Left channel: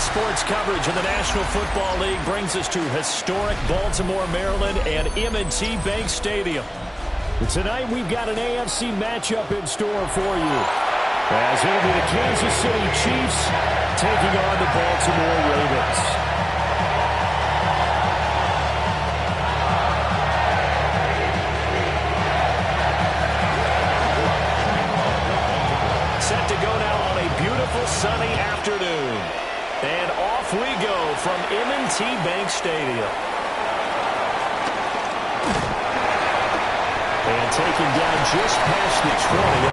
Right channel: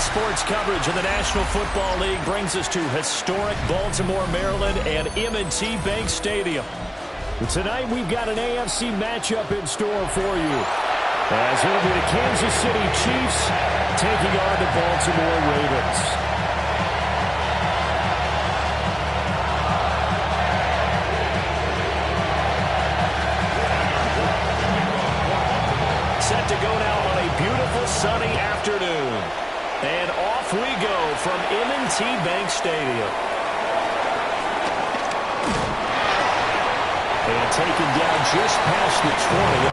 Sports coverage of the National Football League brings us to historic Baltimore, Maryland and M&T Bank Stadium. Tonight we've got an AFC matchup in store for you, as it'll be the Kansas City Chiefs taking on the Baltimore Ravens. Set to go now on a beautiful sunny afternoon. And off we go from M&T Bank Stadium. And taken down just past the 20.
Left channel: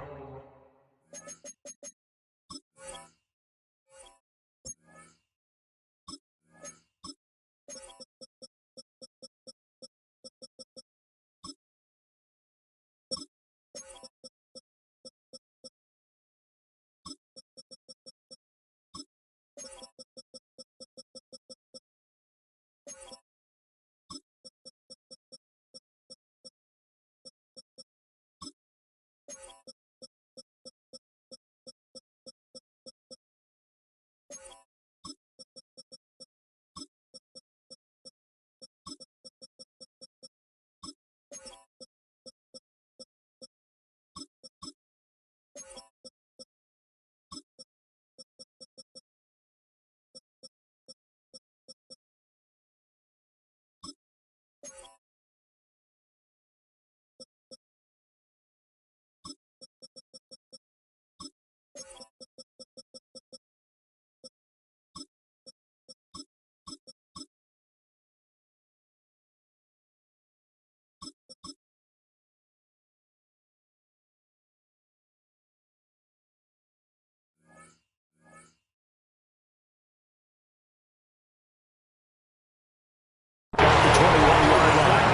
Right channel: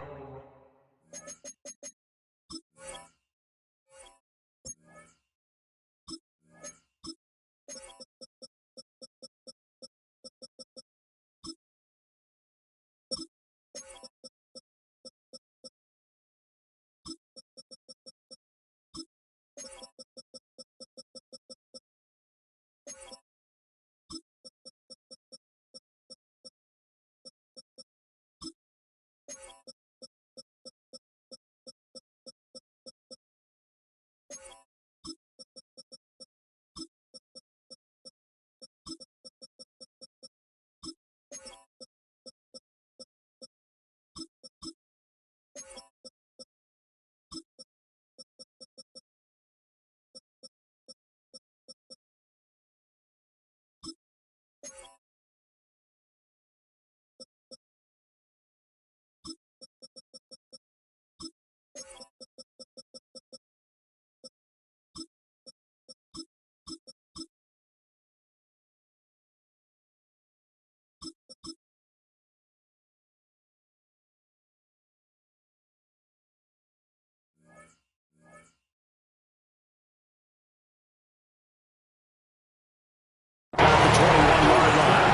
At the 21-yard line.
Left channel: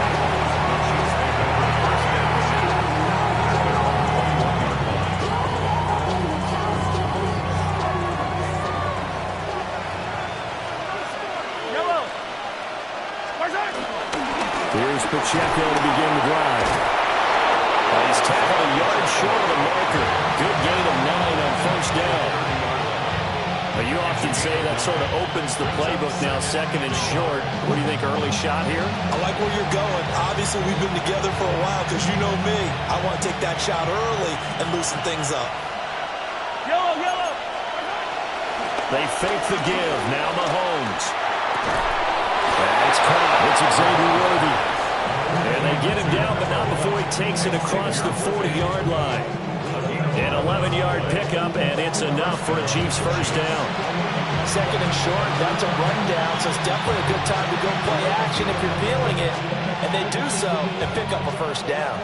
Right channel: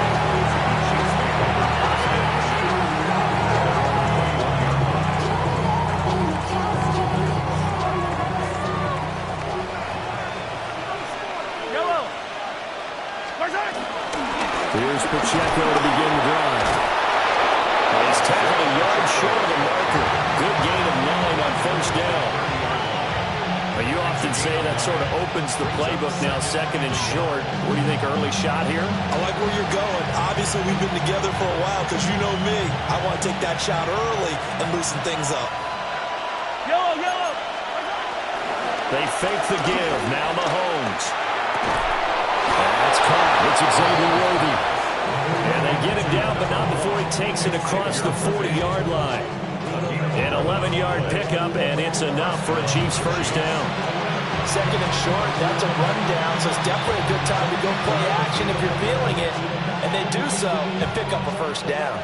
Yellow. Here's Pacheco to begin the drive. He's tackled a yard short of the marker. Good gain of 9 on first down. You often say that sort of opens the playbook now, second and short. What do you think, early shot here? I like where you're going. Obviously, we've been together for a while because you know me. I want to take that shot early and loosen things up. Yellow, yellow. They fake the give. Now Mahomes. That's caught. It's Xavier Worthy. And they get him down, but not before he takes it across the 40-yard line. An 11-yard pickup, and it's enough for a Chiefs first down. Second and short, that's a rundown, so it's definitely a good time to go play action if you're feeling it. And they do so and pick up a first down.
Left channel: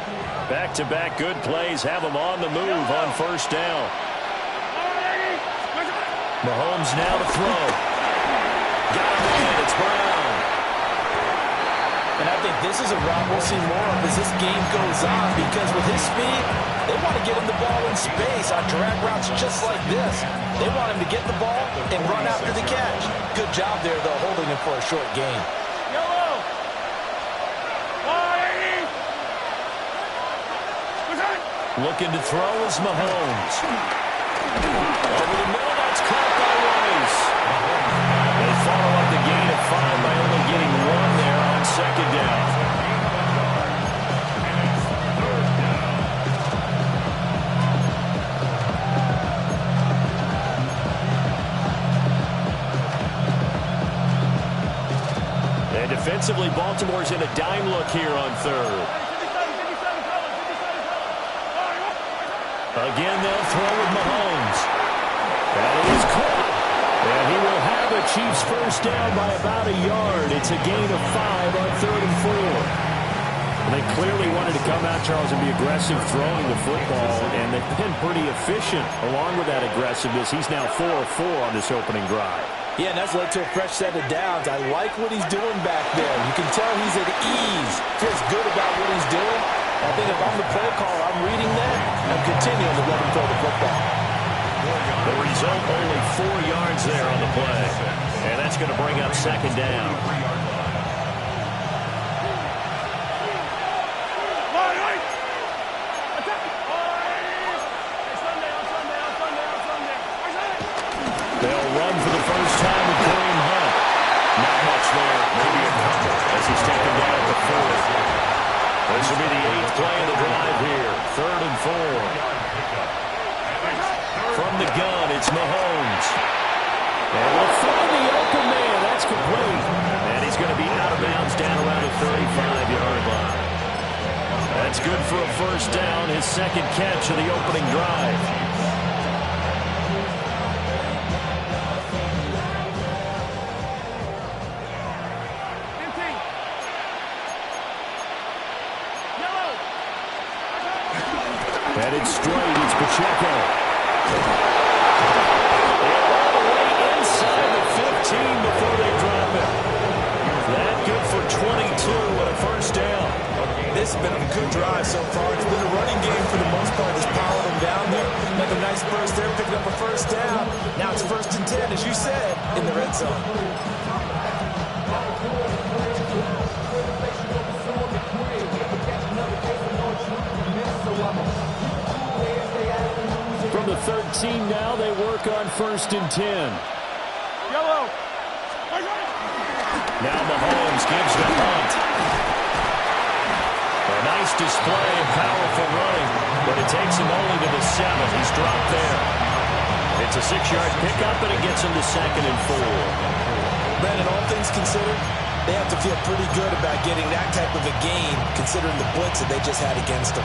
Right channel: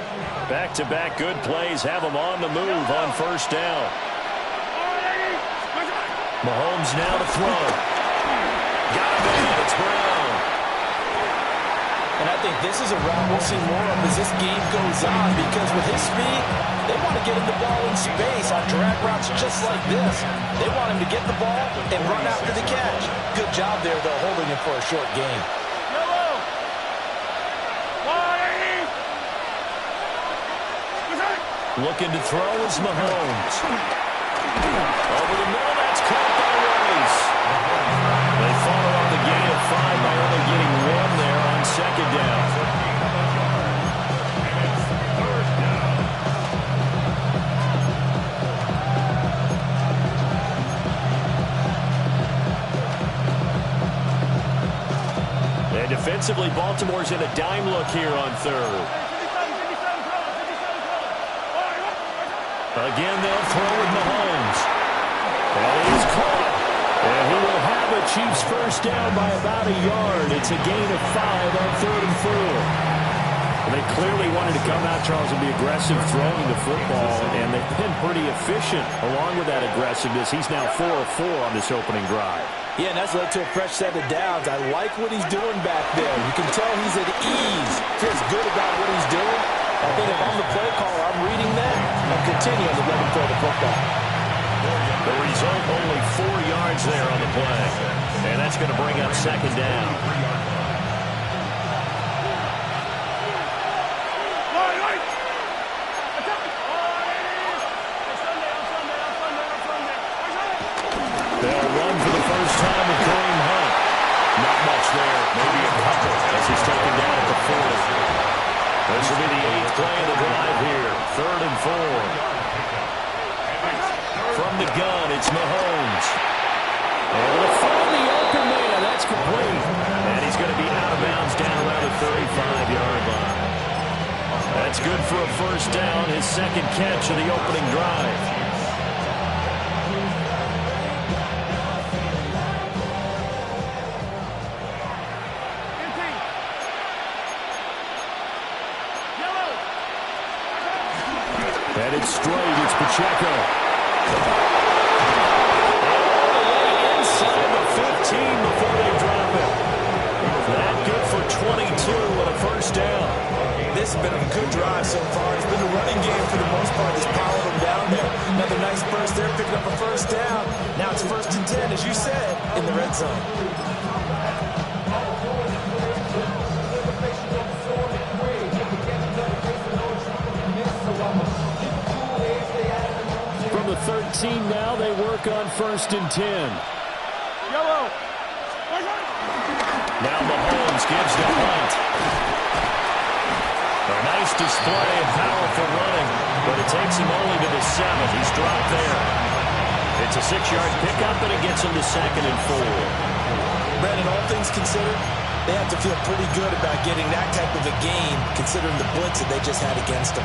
Back-to-back good plays have them on the move on first down. Mahomes now to throw. Got him in. It's Brown. And I think this is a route we'll see more of as this game goes on, because with his speed, they want to get him the ball in space on drag routes just like this. They want him to get the ball and run after the catch. Good job there, though, holding him for a short gain. Yellow. Looking to throw is Mahomes. Over the middle, that's caught by Rice. They follow up the gain of 5 by only getting 1 there on second down. And defensively, Baltimore's in a dime look here on third. Again, they'll throw with Mahomes. That is caught. And he will have a Chiefs first down by about a yard. It's a gain of 5 on 3rd and 4. Well, they clearly wanted to come out, Charles, and be aggressive throwing the football, and they've been pretty efficient along with that aggressiveness. He's now 4 of 4 on this opening drive. Yeah, and that's led to a fresh set of downs. I like what he's doing back there. You can tell he's at ease. Feels good about what he's doing. I think if I'm the play caller, I'm reading that and continuing to let him throw the football. The result, only 4 yards there on the play. And that's going to bring up second down. They'll run for the first time with Kareem Hunt. Not much there, maybe a couple, as he's taken down at the 40. This will be the 8th play of the drive here. 3rd and 4. From the gun, it's Mahomes. Able to find the open man. That's complete. And he's going to be out of bounds down around the 35-yard line. That's good for a first down, his second catch of the opening drive. Headed straight, it's Pacheco. And all the way inside the 15 before they drop it. That good for 22 and a first down. This has been a good drive so far. It's been a running game for the most part that's powered them down there. Another nice burst there, picking up a first down. Now it's 1st and 10, as you said, in the red zone. From the 13 now, they work on 1st and 10. Yellow. Now Mahomes gives to Hunt. A nice display of powerful running, but it takes him only to the 7. He's dropped there. It's a 6-yard pickup, and it gets him to 2nd and 4. Brandon, all things considered, they have to feel pretty good about getting that type of a gain, considering the blitz that they just had against them.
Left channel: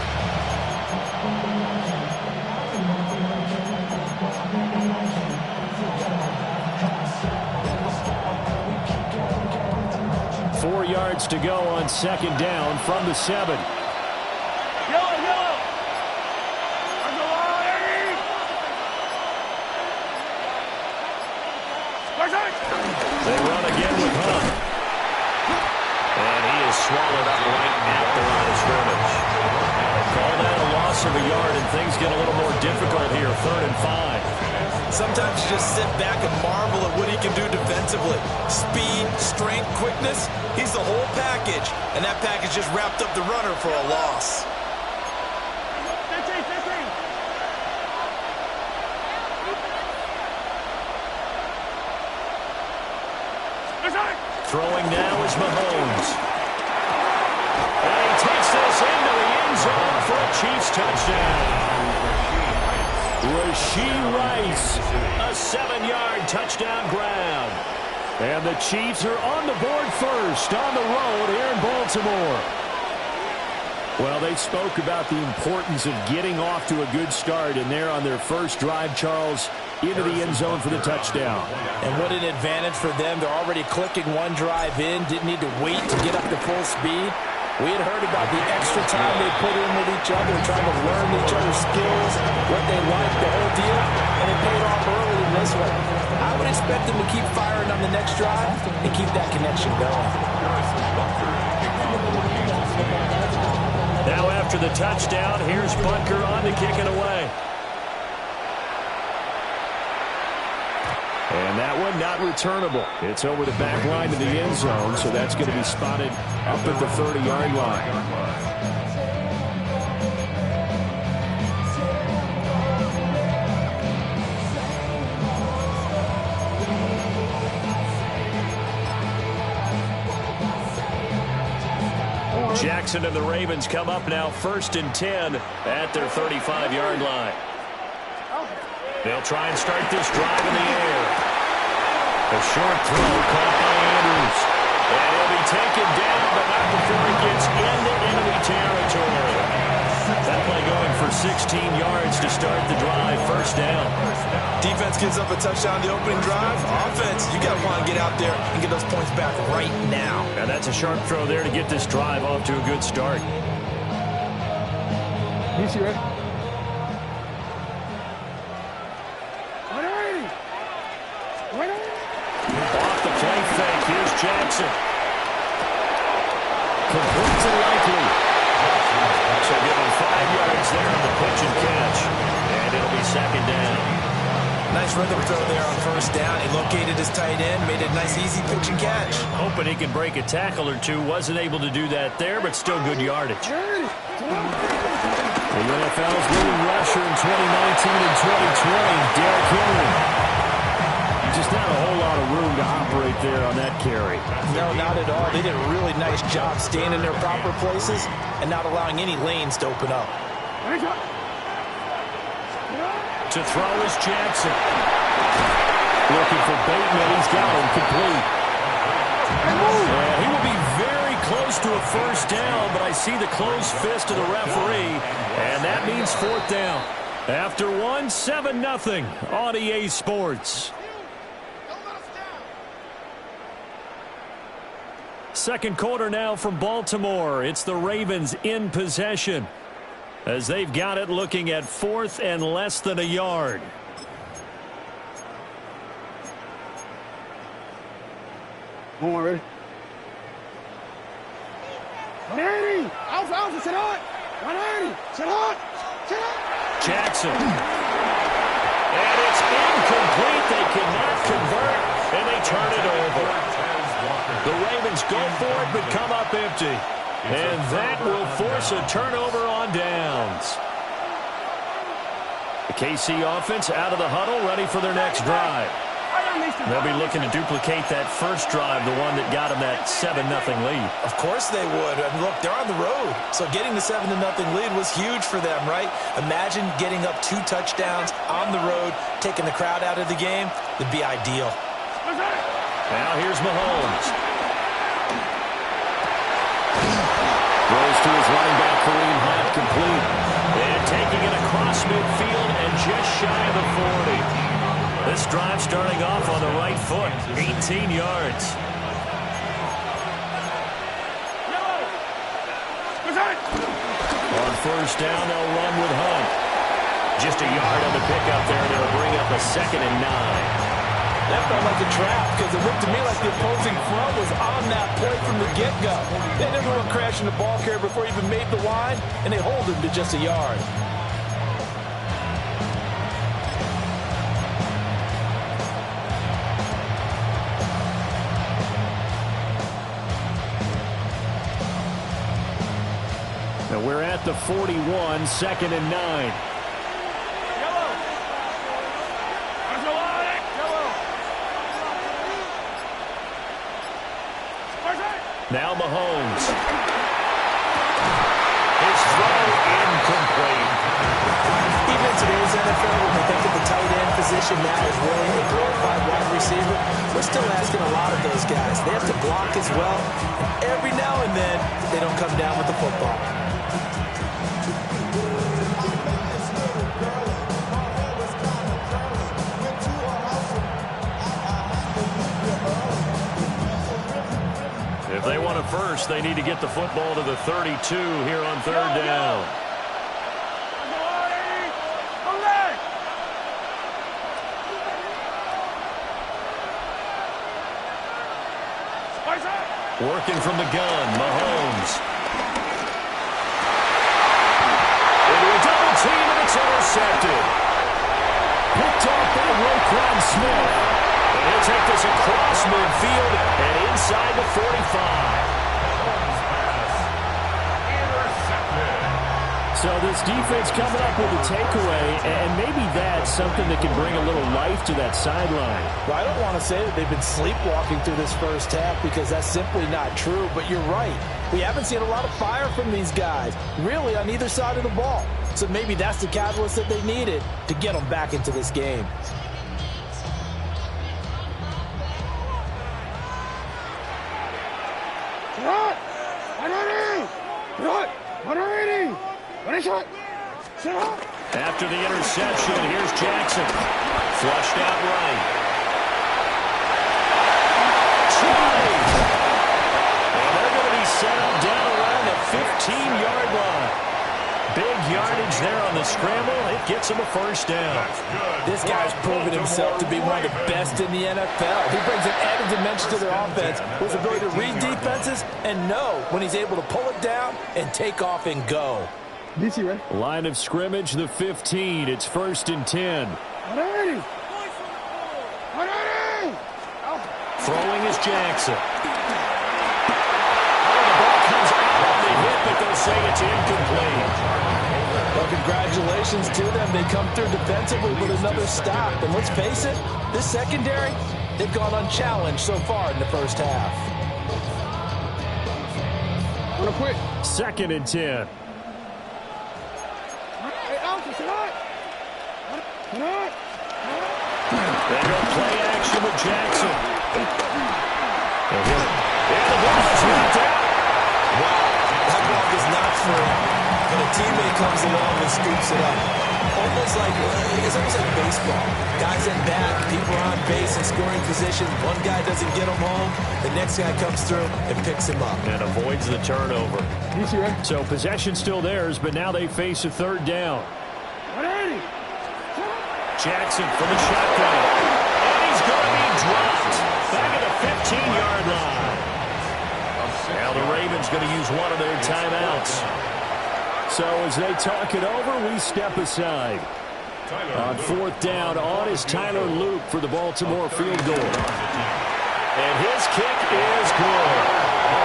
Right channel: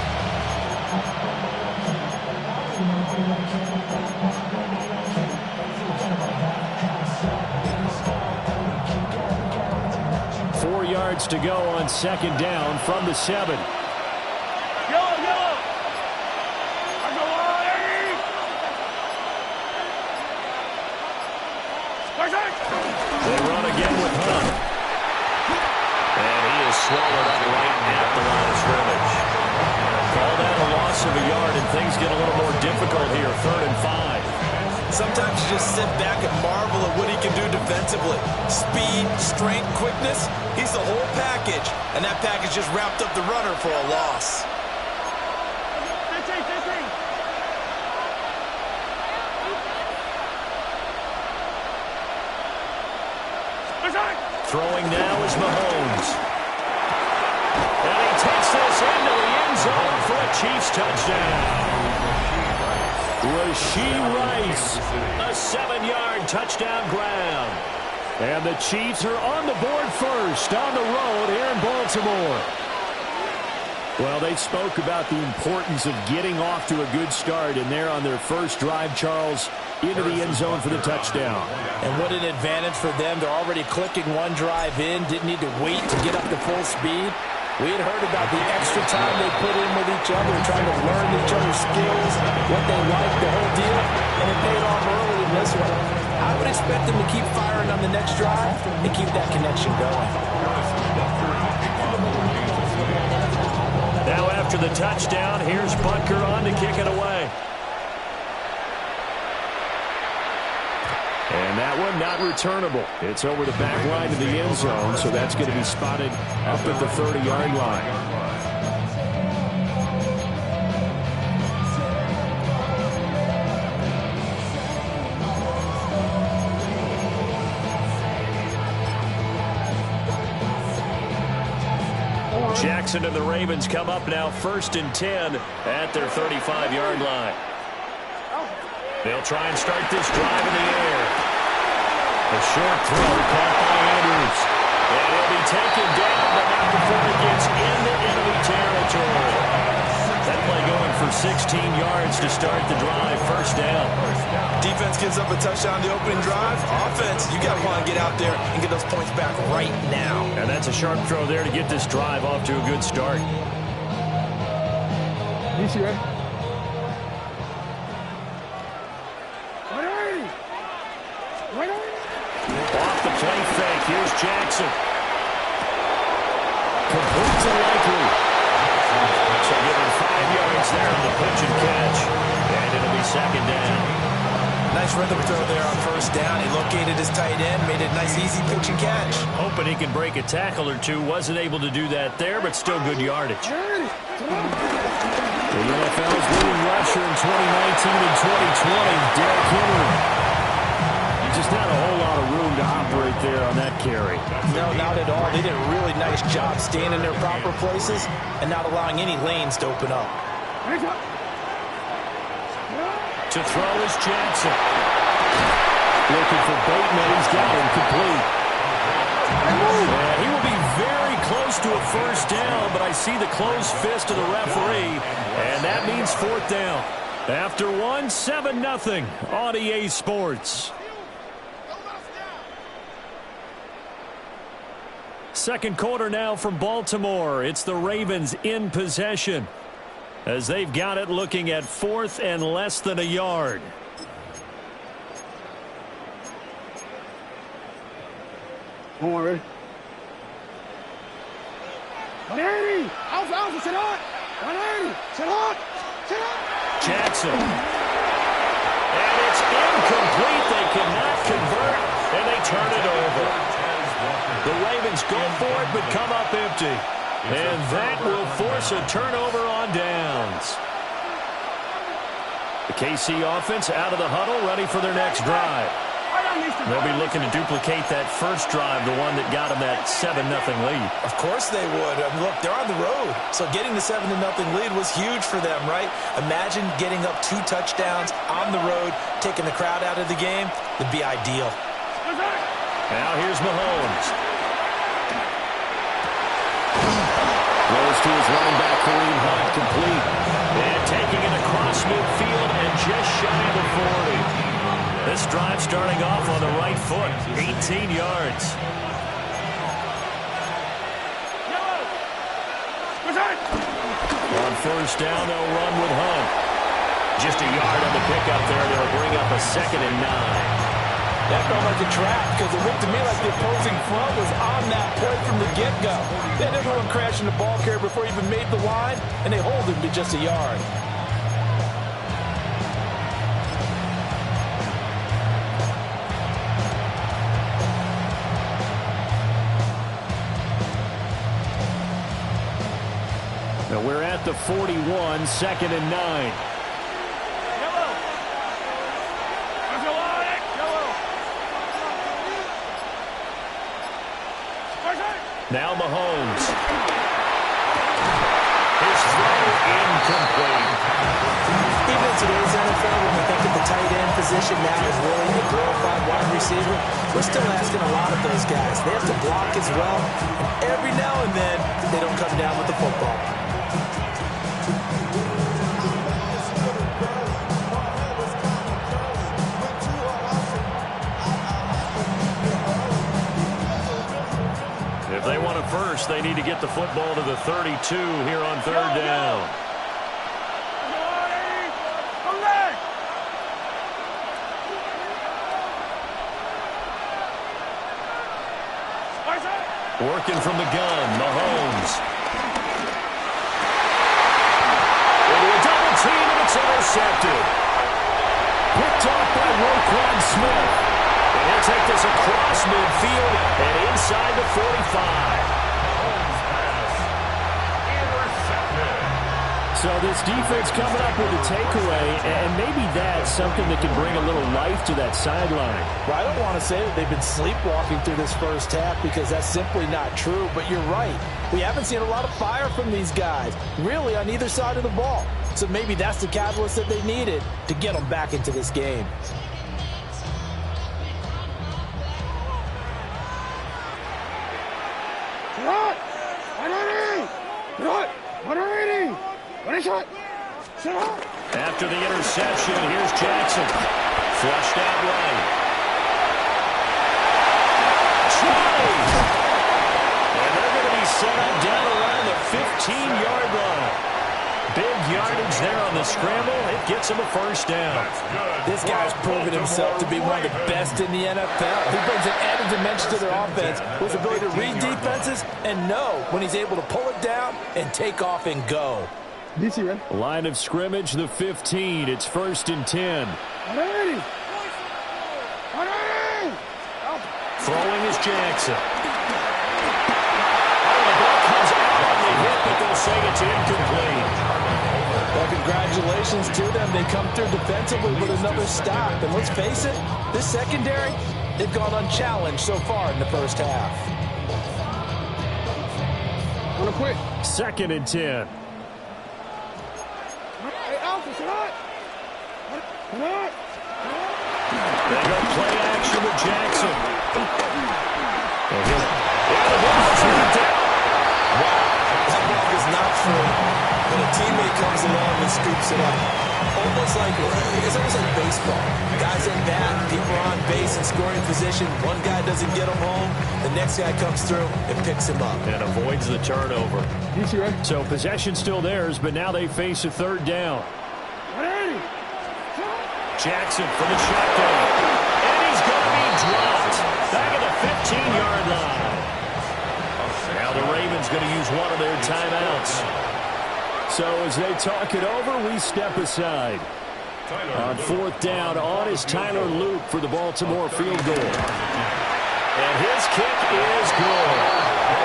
Yards to go on 2nd down from the 7. Yellow, yellow. They run again with Hunt. And he is swallowed up right at the line of scrimmage. Call that a loss of a yard, and things get a little more difficult here. 3rd and 5. Sometimes you just sit back and marvel at what he can do defensively. Speed, strength, quickness. He's the whole package. And that package just wrapped up the runner for a loss. 15, 15. Throwing now is Mahomes. And he takes this into the end zone for a Chiefs touchdown. Rashee Rice, a 7-yard touchdown grab. And the Chiefs are on the board first on the road here in Baltimore. Well, they spoke about the importance of getting off to a good start, and they're on their first drive, Charles, into the end zone for the touchdown. And what an advantage for them. They're already clicking one drive in, didn't need to wait to get up to full speed. We had heard about the extra time they put in with each other, trying to learn each other's skills, what they like, the whole deal, and it paid off early in this one. I would expect them to keep firing on the next drive and keep that connection going. Now after the touchdown, here's Butker on to kick it away. And that one not returnable. It's over the back line of the end zone, so that's going to be spotted up at the 30-yard line. Jackson and the Ravens come up now 1st and 10 at their 35-yard line. They'll try and start this drive in the air. A short throw caught by Andrews. And he'll be taken down, but not before he gets into enemy territory. That play going for 16 yards to start the drive. First down. Defense gives up a touchdown the opening drive. Offense, you got to want to get out there and get those points back right now. And that's a sharp throw there to get this drive off to a good start. Easy, right? Off the play fake. Here's Jackson. Complete to Likely. So give him 5 yards there on the pitch and catch. And it'll be 2nd down. Nice rhythm throw there on 1st down. He located his tight end, made it a nice, easy pitch and catch. Hoping he can break a tackle or two. Wasn't able to do that there, but still good yardage. The NFL's leading rusher in 2019 and 2020, Derrick Henry. just not a whole lot of room to operate there on that carry. No, not at all. They did a really nice job staying in their proper places and not allowing any lanes to open up. To throw is Jackson. Looking for Bateman. He's got him complete. And he will be very close to a first down, but I see the closed fist of the referee, and that means fourth down. After one, 7-0 on EA Sports. Second quarter now from Baltimore. It's the Ravens in possession as they've got it looking at fourth and less than a yard. Come on, ready? 180! Alpha, sit on! 180! Sit on! Sit on! Jackson. And it's incomplete. They cannot convert, and they turn it over. The Ravens go for it, but come up empty. And that will force a turnover on downs. The KC offense out of the huddle, ready for their next drive. They'll be looking to duplicate that first drive, the one that got them that 7-0 lead. Of course they would. I mean, look, they're on the road. So getting the 7-0 lead was huge for them, right? Imagine getting up 2 touchdowns on the road, taking the crowd out of the game. That'd be ideal. Now here's Mahomes. Throws to his running back, Kareem Hunt, complete. And taking it across midfield and just shy of the 40. This drive starting off on the right foot, 18 yards. On first down, they'll run with Hunt. Just a yard on the pickup there. They'll bring up a 2nd and 9. That felt like a trap because it looked to me like the opposing front was on that play from the get-go. They had everyone crashing the ball carrier before he even made the line, and they hold him to just a yard. Now we're at the 41, 2nd and 9. Now Mahomes. His throw incomplete. Even in today's NFL, when we think of the tight end position now as really a glorified wide receiver, we're still asking a lot of those guys. They have to block as well, and every now and then, they don't come down with the football. If they want a first, they need to get the football to the 32 here on third down. Working from the gun, Mahomes. Into a double team, and it's intercepted. Picked off by Roquan Smith. And he'll take this across midfield and inside the 45. So this defense coming up with a takeaway, and maybe that's something that can bring a little life to that sideline. Well, I don't want to say that they've been sleepwalking through this first half because that's simply not true, but you're right. We haven't seen a lot of fire from these guys, really on either side of the ball. So maybe that's the catalyst that they needed to get them back into this game. After the interception, here's Jackson. Flushed out right. Try! And they're going to be set up down around the 15-yard line. Big yardage there on the scramble. It gets him a first down. This guy's proven himself to be one of the best in the NFL. He brings an added dimension to their offense with his ability to read defenses and know when he's able to pull it down and take off and go. DC, ready? Line of scrimmage, the 15. It's 1st and 10. 180! 180! Throwing is Jackson. Oh, the ball comes out on the hit, but they'll say it's incomplete. Well, congratulations to them. They come through defensively with another stop. And let's face it, this secondary, they've gone unchallenged so far in the first half. Wanna quit? 2nd and 10. Hey, Alpha, sit on. Sit on. They go play action with Jackson. They hit it. And the ball is knocked out. Wow, that ball is not free, but a teammate comes along and scoops it up. It's almost like baseball. Guys at bat, people are on base in scoring position. One guy doesn't get him home. The next guy comes through and picks him up. And avoids the turnover. So possession still theirs, but now they face a 3rd down. Jackson from the shotgun. And he's going to be dropped. Back at the 15-yard line. Now the Ravens going to use one of their timeouts. So as they talk it over, we step aside. On 4th down, on is Tyler Luke for the Baltimore field goal. And his kick is good.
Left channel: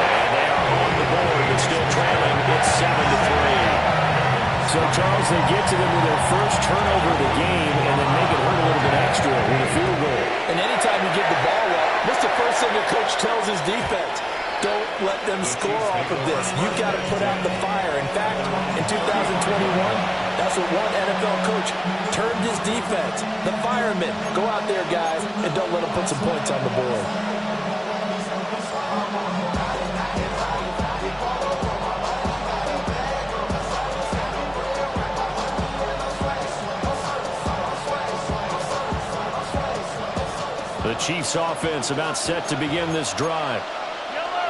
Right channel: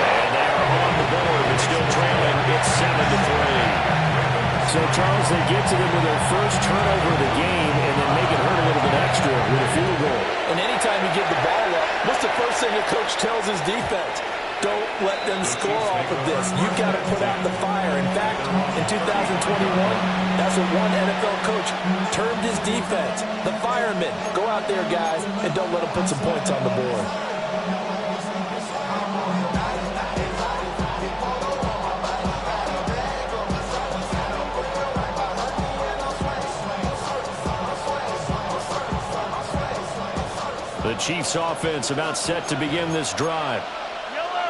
And they are on the board, but still trailing. It's 7-3. So, Charles, they get to them with their first turnover of the game and then make it hurt a little bit extra with a field goal. And anytime you give the ball up, what's the first thing a coach tells his defense? Don't let them score off of this. You've got to put out the fire. In fact, in 2021, that's what one NFL coach termed his defense. The firemen. Go out there, guys, and don't let them put some points on the board. The Chiefs offense about set to begin this drive.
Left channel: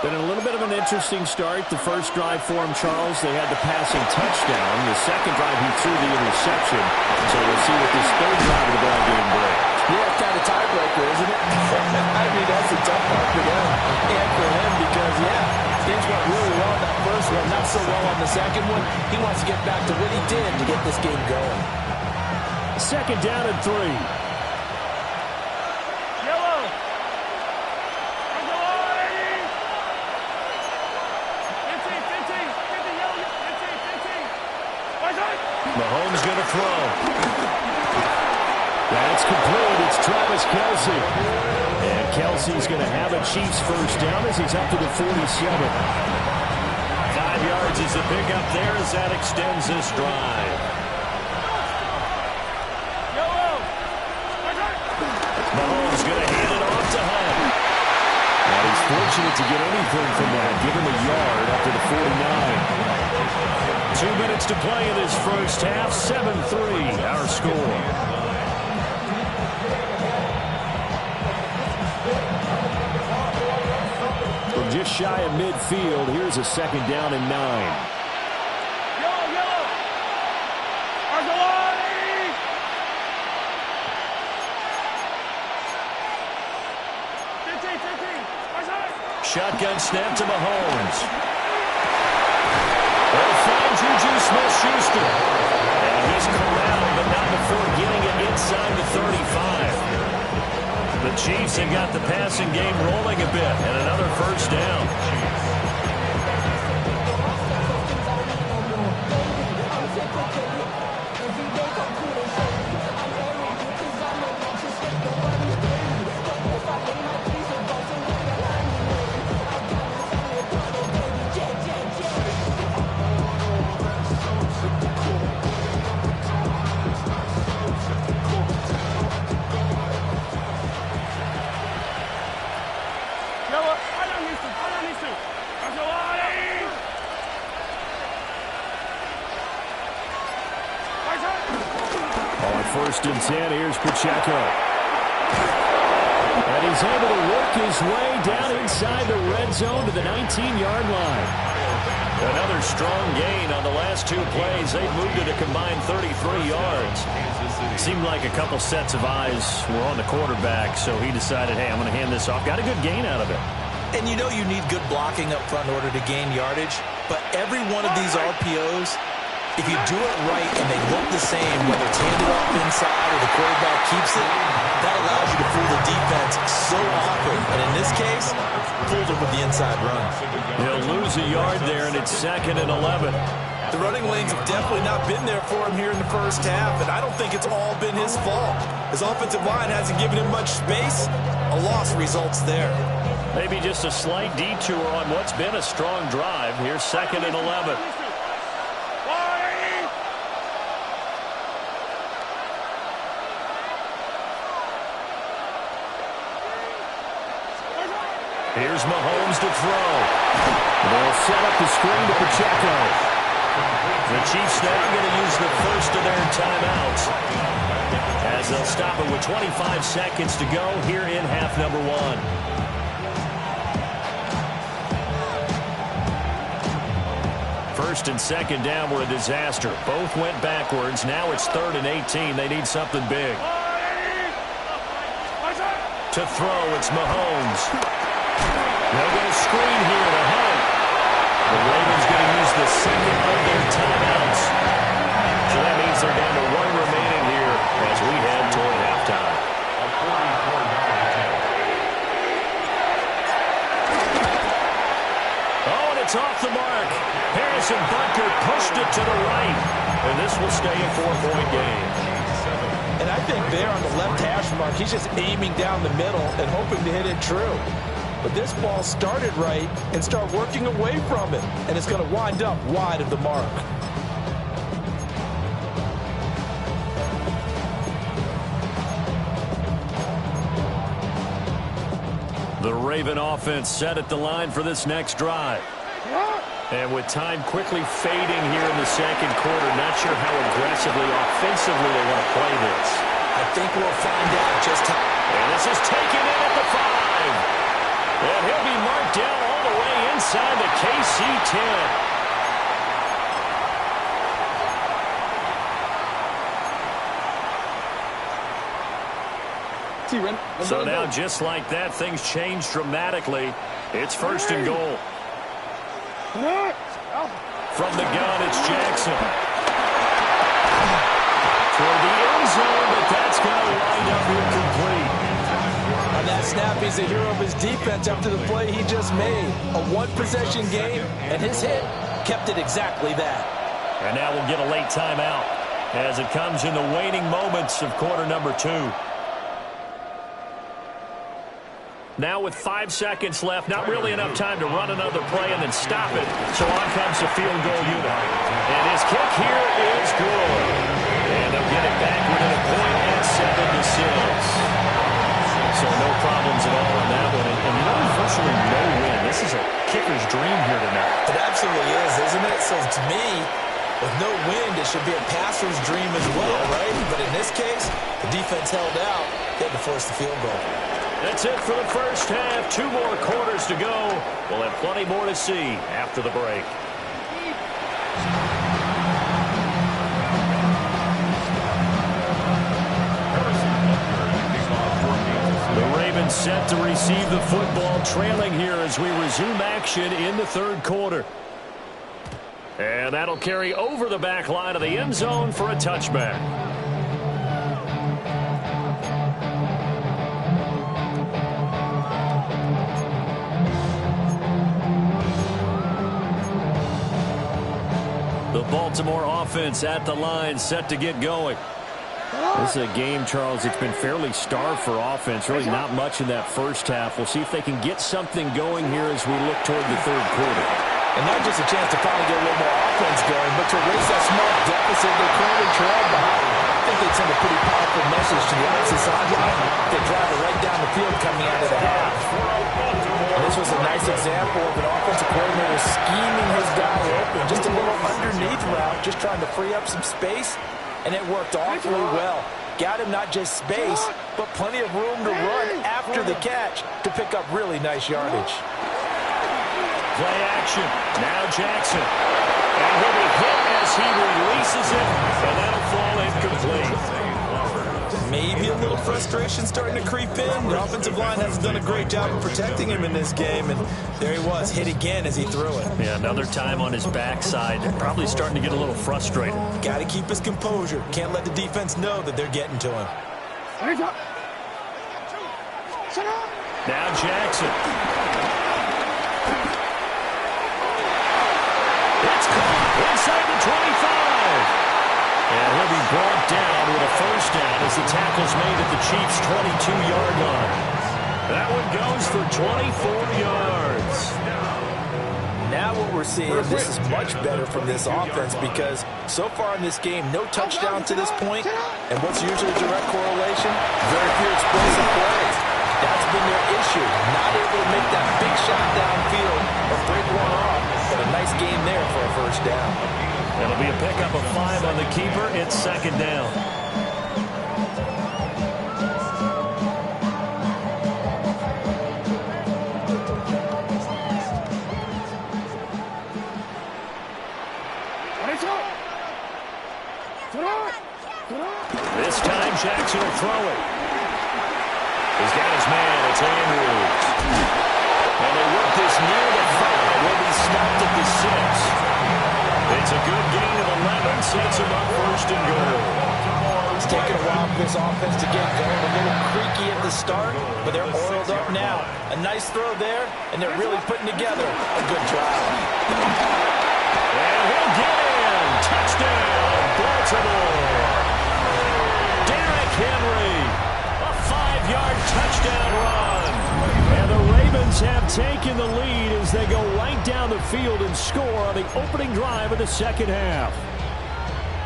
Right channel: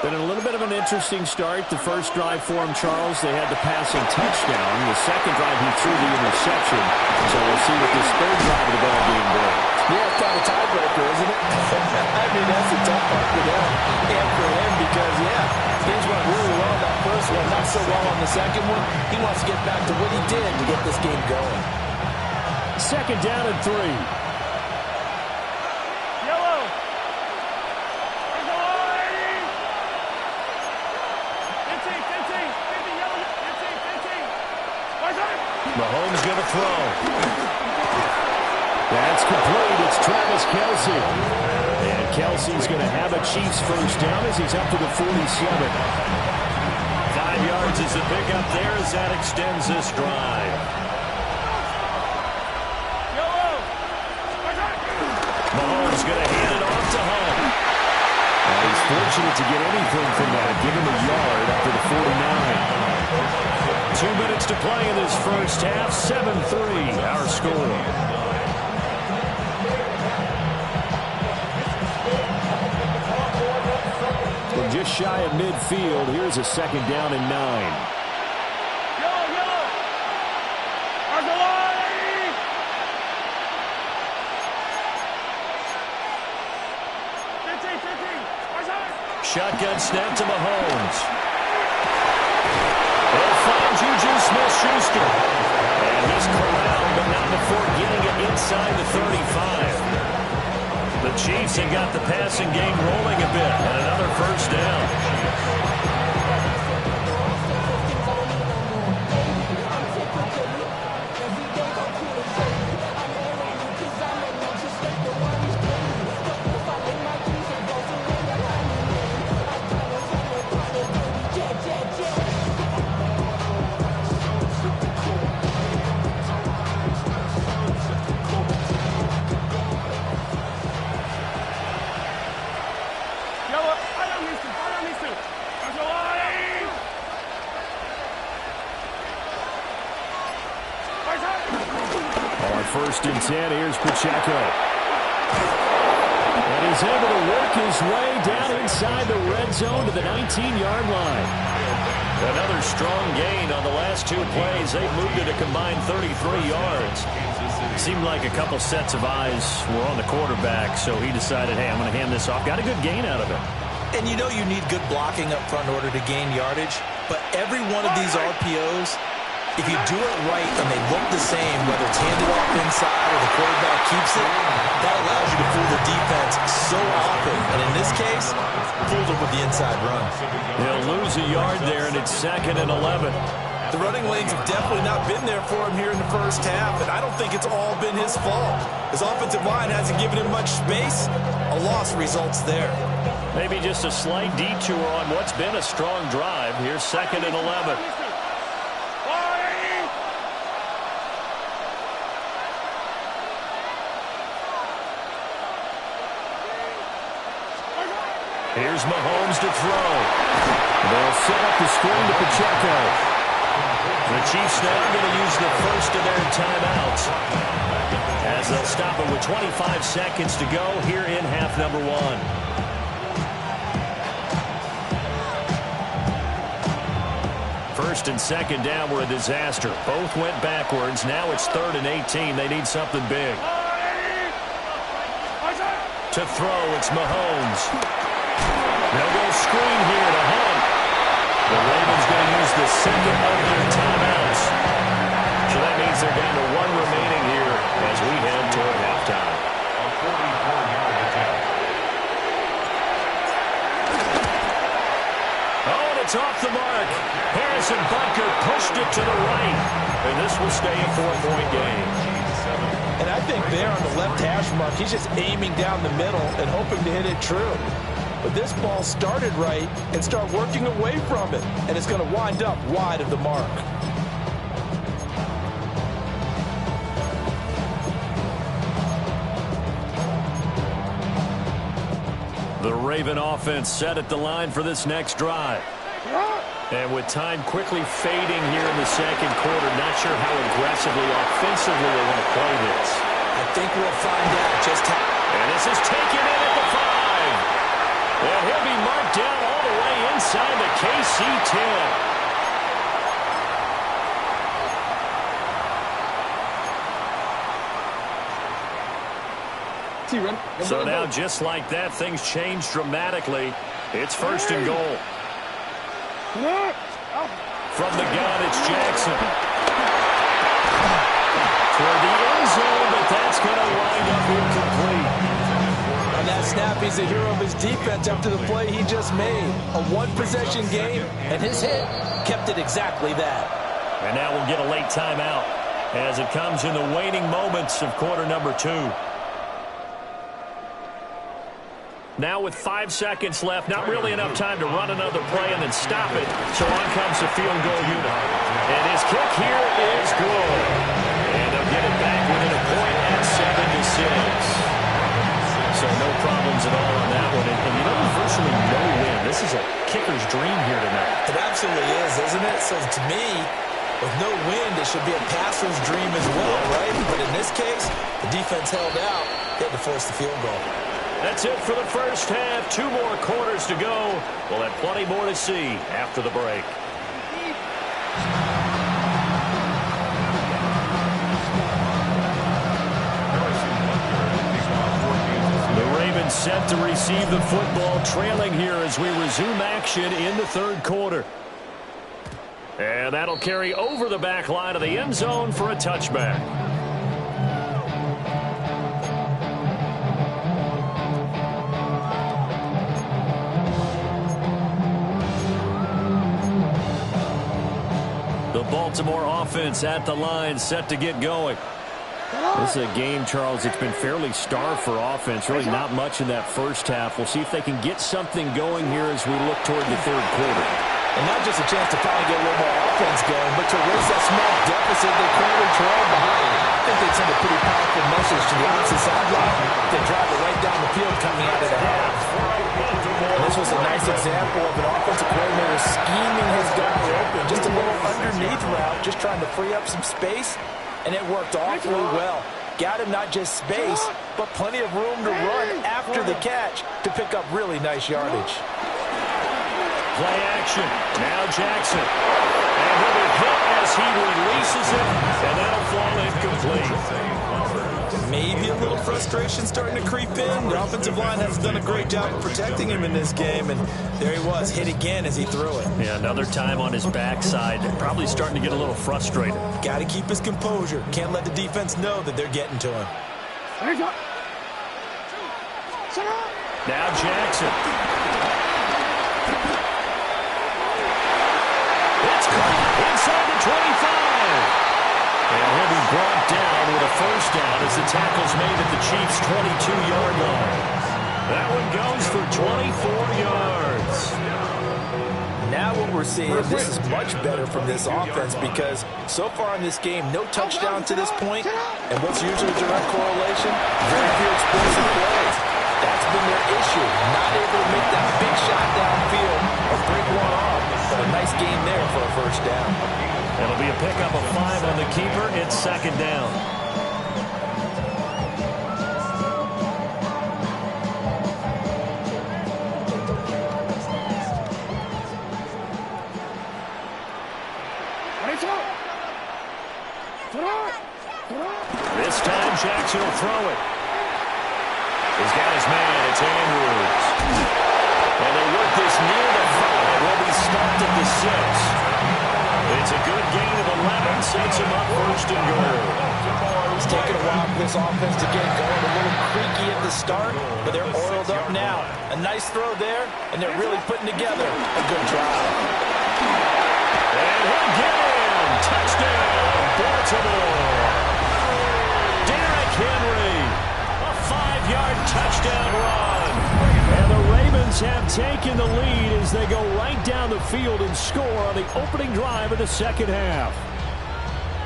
Been a little bit of an interesting start. The first drive for him, Charles, they had the passing touchdown. The second drive, he threw the interception. So we'll see what this 3rd drive of the ball game brings. Yeah, it's kind of tiebreaker, isn't it? I mean, that's the tough part for them and for him because, yeah, things went really well that first one, not so well on the second one. He wants to get back to what he did to get this game going. 2nd down and 3. Mahomes going to throw. That's complete. It's Travis Kelce. And Kelce's going to have a Chiefs first down as he's up to the 47. 5 yards is the pickup there as that extends this drive. Mahomes going to hand it off to Hunt. And he's fortunate to get anything from that. Give him a yard up to the 49. 2 minutes to play in this first half. 7-3, our score. From just shy of midfield, here's a 2nd down and 9. Shotgun snap to Mahomes. They'll find Juju Smith-Schuster. And he's corralled, but not before getting it inside the 35. The Chiefs have got the passing game rolling a bit, and another first down. On 1st and 10, here's Pacheco. And he's able to work his way down inside the red zone to the 19-yard line. Another strong gain on the last 2 plays. They've moved it a combined 33 yards. Seemed like a couple sets of eyes were on the quarterback, so he decided, hey, I'm going to hand this off. Got a good gain out of it. And you know you need good blocking up front in order to gain yardage, but every one of these RPOs If you do it right and they look the same, whether it's handed off inside or the quarterback keeps it, that allows you to fool the defense so often. And in this case, fooled them with the inside run. He'll lose a yard there, and it's 2nd and 11. The running lanes have definitely not been there for him here in the first half, and I don't think it's all been his fault. His offensive line hasn't given him much space. A loss results there. Maybe just a slight detour on what's been a strong drive. Here's 2nd and 11. Here's Mahomes to throw. They'll set up the screen to Pacheco. The Chiefs now going to use the first of their timeouts as they'll stop it with 25 seconds to go here in half number 1. First and second down were a disaster. Both went backwards. Now it's 3rd and 18. They need something big. To throw, it's Mahomes. They'll go screen here to Hunt. The Ravens going to use the second of their timeouts. So that means they're down to 1 remaining here as we head toward halftime. A 44-yard attempt. Oh, and it's off the mark. Harrison Butker pushed it to the right. And this will stay a 4-point game. And I think there on the left hash mark, he's just aiming down the middle and hoping to hit it true. But this ball started right and start working away from it. And it's going to wind up wide of the mark. The Raven offense set at the line for this next drive. And with time quickly fading here in the second quarter, not sure how aggressively, offensively they want to play this. I think we'll find out just how. And this is taken in at the 5. And he'll be marked down all the way inside the KC 10. So now, just like that, things change dramatically. It's 1st and goal. From the gun, it's Jackson. Toward the end zone, but that's going to wind up incomplete. On that snap, he's a hero of his defense after the play he just made. A one-possession game, and his hit kept it exactly that. And now we'll get a late timeout as it comes in the waning moments of quarter number 2. Now with 5 seconds left, not really enough time to run another play and then stop it. So on comes the field goal unit. And his kick here is good. And they'll get it back within a point at 7-6. So no problems at all on that one. And you know, there's virtually no win. This is a kicker's dream here tonight. It absolutely is, isn't it? So to me, with no wind, it should be a passer's dream as well, right? But in this case, the defense held out. They had to force the field goal. That's it for the first half. 2 more quarters to go. We'll have plenty more to see after the break. The Ravens set to receive the football, trailing here as we resume action in the 3rd quarter. And that'll carry over the back line of the end zone for a touchback. The Baltimore offense at the line, set to get going. This is a game, Charles, it's been fairly starved for offense. Really not much in that first half. We'll see if they can get something going here as we look toward the 3rd quarter. And not just a chance to finally get a little more offense going, but to erase that small deficit they currently trail behind. I think they'd send a pretty powerful message to the opposite sideline. They drive it right down the field coming out of the half. And this was a nice example of an offensive coordinator scheming his guy open. Just a little underneath route, just trying to free up some space. And it worked awfully well. Got him not just space, but plenty of room to run after the catch to pick up really nice yardage. Play action. Now Jackson. And he'll be hit as he releases it, and that'll fall incomplete. Maybe a little frustration starting to creep in. The offensive line hasn't done a great job of protecting him in this game, and there he was, hit again as he threw it. Yeah, another time on his backside, probably starting to get a little frustrated. Got to keep his composure. Can't let the defense know that they're getting to him. Now Jackson. It's caught inside the 25. And he'll be brought down with a first down as the tackle's made at the Chiefs' 22-yard line. That one goes for 24 yards. Now what we're seeing, this is much better from this offense because so far in this game, no touchdown to this point. And what's usually a direct correlation? Very few explosive plays. That's been their issue. Not able to make that big shot downfield or break one off. But a nice game there for a first down. It'll be a pickup of 5 on the keeper. It's second down. This time Jackson will throw it. He's got his man. It's Andrews. And they work this near the 5. He'll be stopped at the 6. It's a good gain of 11, sets him up first and goal. It's taken a while for this offense to get going. A little creaky at the start, but they're oiled up now. A nice throw there, and they're really putting together a good drive. And he'll get in. Touchdown, Baltimore. Derrick Henry, a 5-yard touchdown run. And the Ravens have taken the lead as they go right down the field and score on the opening drive of the second half.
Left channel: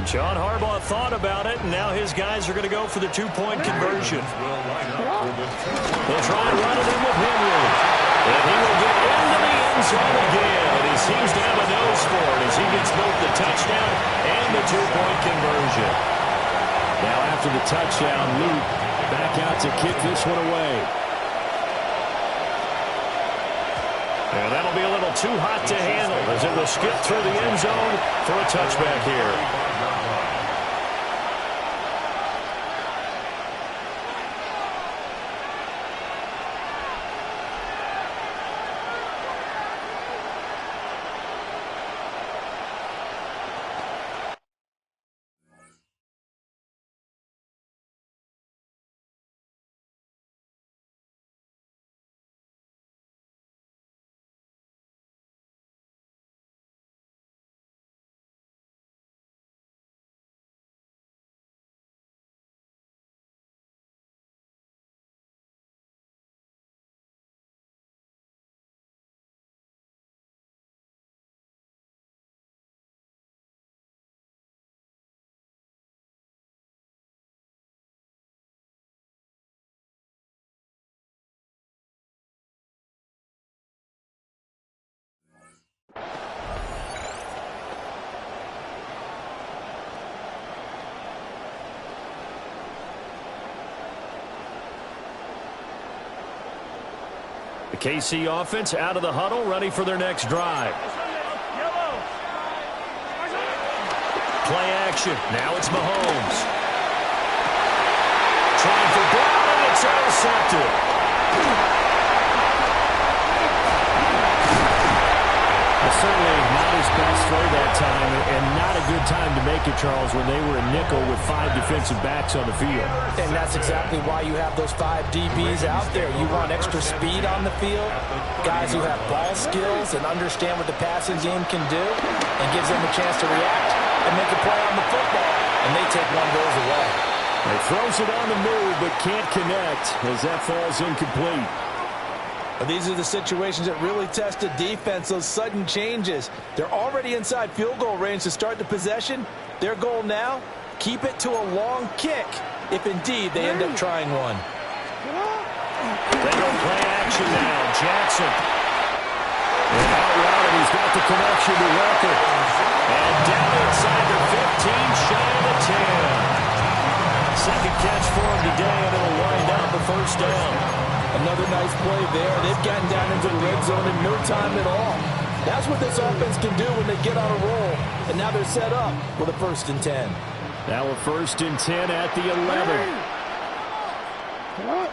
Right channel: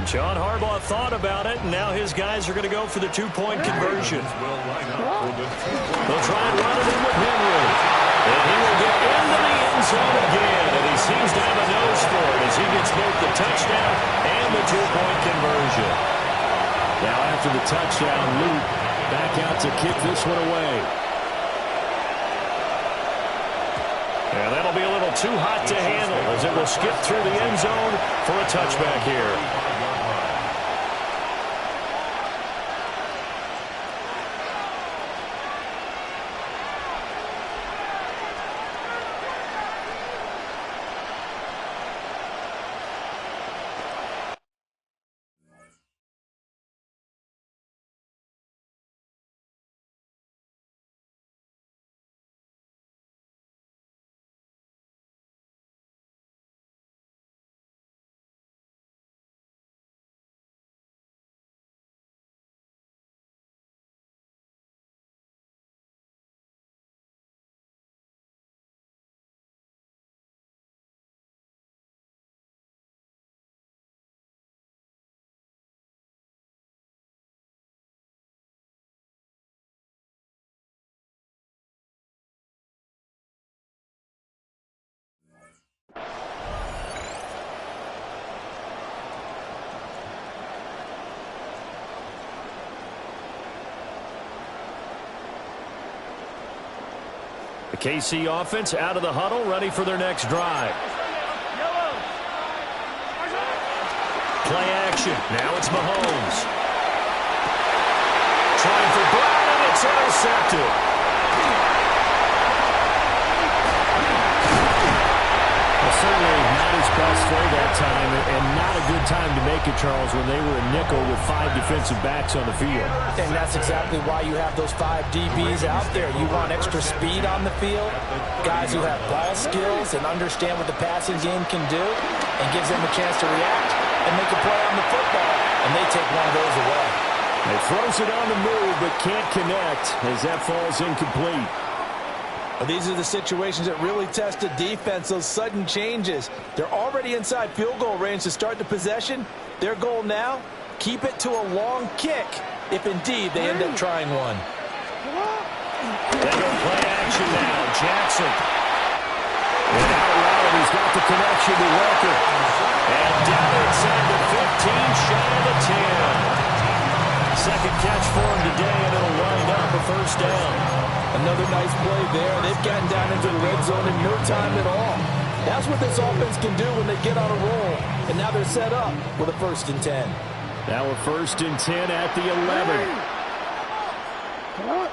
John Harbaugh thought about it, and now his guys are going to go for the 2-point conversion. They'll try and run it in with Henry. And he will get into the end zone again, and he seems to have a nose for it as he gets both the touchdown and the 2-point conversion. Now after the touchdown, Luke back out to kick this one away. And that'll be a little too hot to handle as it will skip through the end zone for a touchback here. The KC offense out of the huddle, ready for their next drive. Play action. Now it's Mahomes. Trying for Brown, and it's intercepted. Well, certainly not his best throw that time, and not a good time to make it, Charles, when they were in nickel with 5 defensive backs on the field. And that's exactly why you have those 5 DBs out there. You want extra speed on the field, guys who have ball skills and understand what the passing game can do, and gives them a chance to react and make a play on the football, and they take one of those away. He throws it on the move, but can't connect as that falls incomplete. Well, these are the situations that really test a defense, those sudden changes. They're already inside field goal range to start the possession. Their goal now, keep it to a long kick, if indeed they end up trying one. They go play action now. Jackson. And out route, and he's got the connection to Walker. And down inside the 15, shy of the 10. Second catch for him today, and it'll wind up a first down. Another nice play there. They've gotten down into the red zone in no time at all. That's what this offense can do when they get on a roll. And now they're set up with a 1st and 10. Now a 1st and 10 at the 11. Sit hot.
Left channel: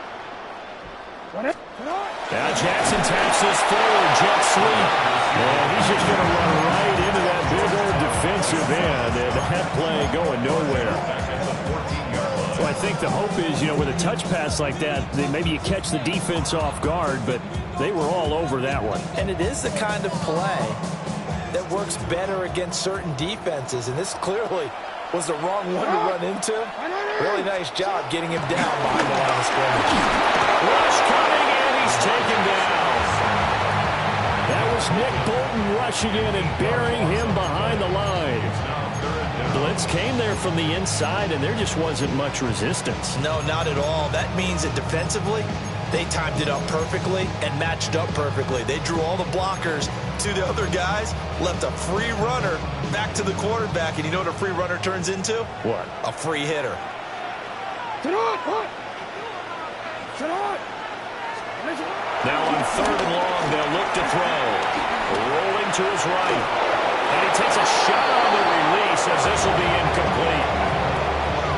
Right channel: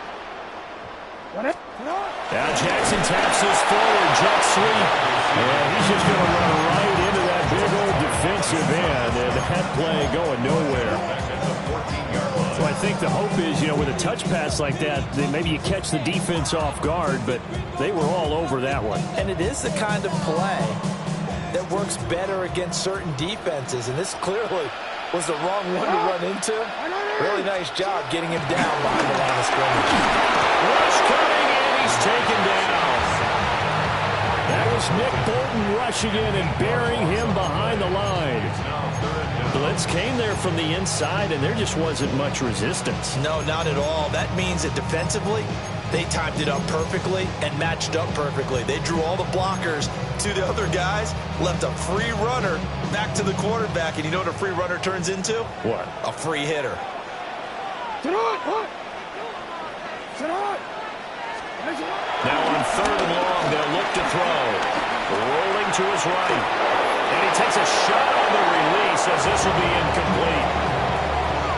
Run it. Sit hot. Now Jackson taps this forward jet sweep. And he's just going to run right into that big old defensive end. And that play going nowhere. So I think the hope is, with a touch pass like that, maybe you catch the defense off guard, but they were all over that one. And it is the kind of play that works better against certain defenses. And this clearly was the wrong one to run into. Really nice job getting him down behind the line of scrimmage. Rush coming in, he's taken down. That was Nick Bolton rushing in and burying him behind the line. Blitz came there from the inside, and there just wasn't much resistance. No, not at all. That means that defensively, they timed it up perfectly and matched up perfectly. They drew all the blockers to the other guys, left a free runner back to the quarterback, and you know what a free runner turns into? What? A free hitter. Sit hot. Sit hot. Now on 3rd and long, they'll look to throw. Rolling to his right. And he takes a shot on the release as this will be incomplete.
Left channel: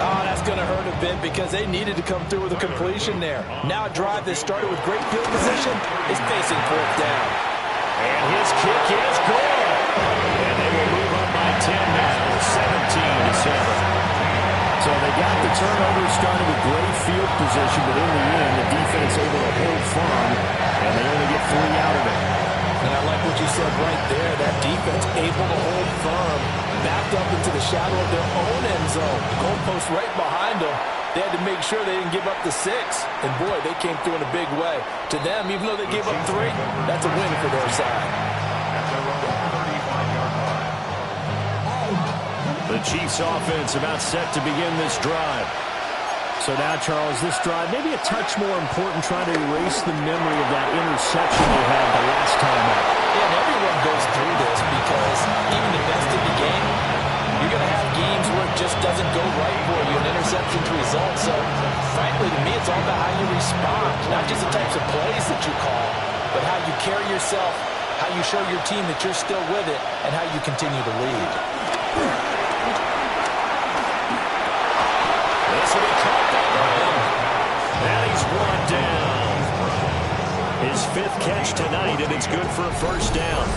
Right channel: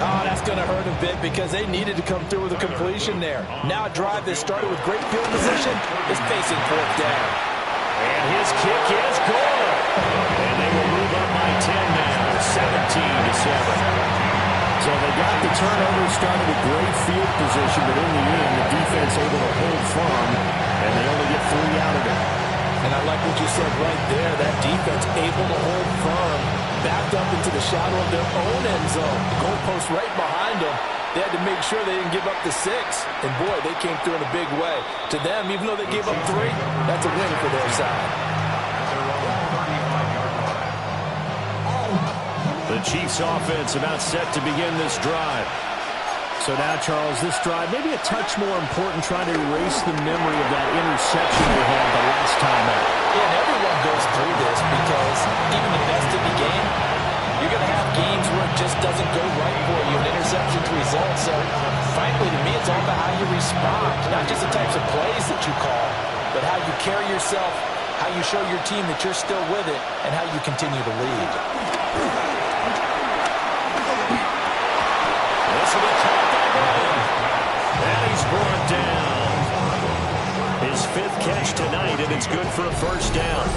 Oh, that's going to hurt a bit because they needed to come through with a completion there. Now a drive that started with great field position is facing 4th down. And his kick is good. And they will move up by 10 now, 17-7. So they got the turnover started with great field position, but in the end, the defense able to hold firm, and they only get 3 out of it. And I like what you said right there. That defense able to hold firm, backed up into the shadow of their own end zone. The goalpost right behind them. They had to make sure they didn't give up the 6. And, boy, they came through in a big way. To them, even though they gave up 3, that's a win for their side. At their own 35-yard line. The Chiefs offense about set to begin this drive. So now, Charles, this drive maybe a touch more important, trying to erase the memory of that interception they had the last time out. Yeah, and everyone goes through this because even the best in the game, you're going to have games where it just doesn't go right for you, and interceptions result. So, frankly, to me, it's all about how you respond, not just the types of plays that you call, but how you carry yourself, how you show your team that you're still with it, and how you continue to lead. This will be caught by Brown. And he's brought down. His 5th catch tonight, and it's good for a 1st down.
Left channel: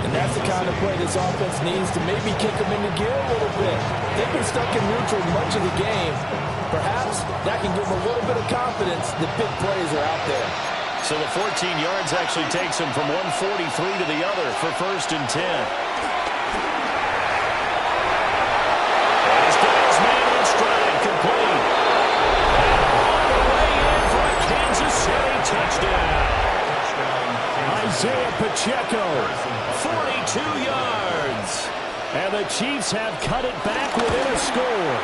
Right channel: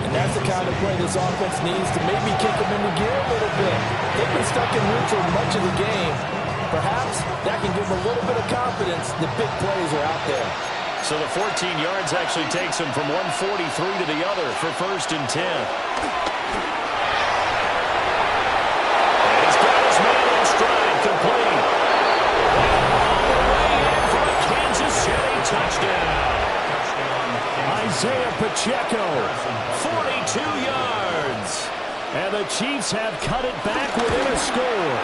And that's the kind of play this offense needs to maybe kick them into gear a little bit. They've been stuck in neutral much of the game. Perhaps that can give them a little bit of confidence that big plays are out there. So the 14 yards actually takes him from 143 to the other for 1st and 10. And he's got his man in stride, complete. And all the way in for a Kansas City touchdown. Isaiah Pacheco, 42 yards. And the Chiefs have cut it back within a score.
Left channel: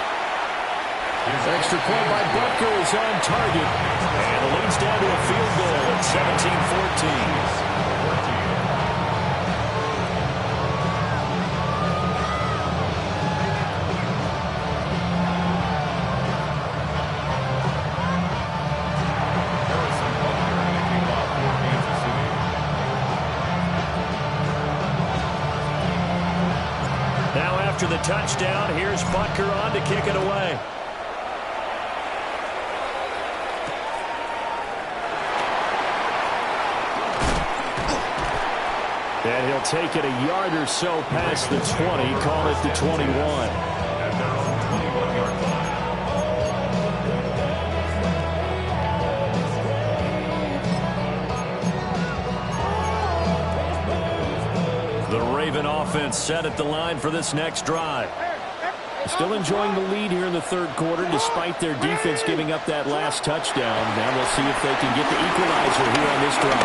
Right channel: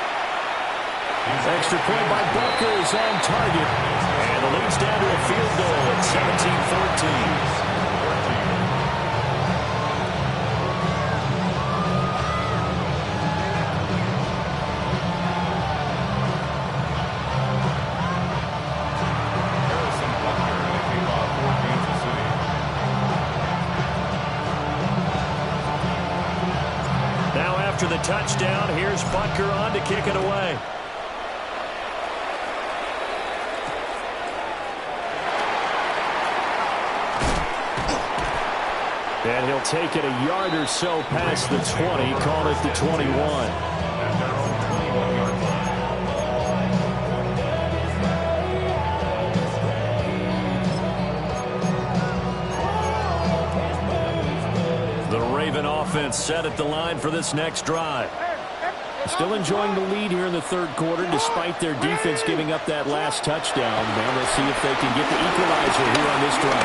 Extra point by Butker is on target. And the lead's down to a field goal at 17-14. Now after the touchdown, here's Butker on to kick it away. And he'll take it a yard or so past the 20, call it the 21. At their own 21-yard line. The Raven offense set at the line for this next drive. Still enjoying the lead here in the 3rd quarter despite their defense giving up that last touchdown. Now they'll see if they can get the equalizer here on this drive.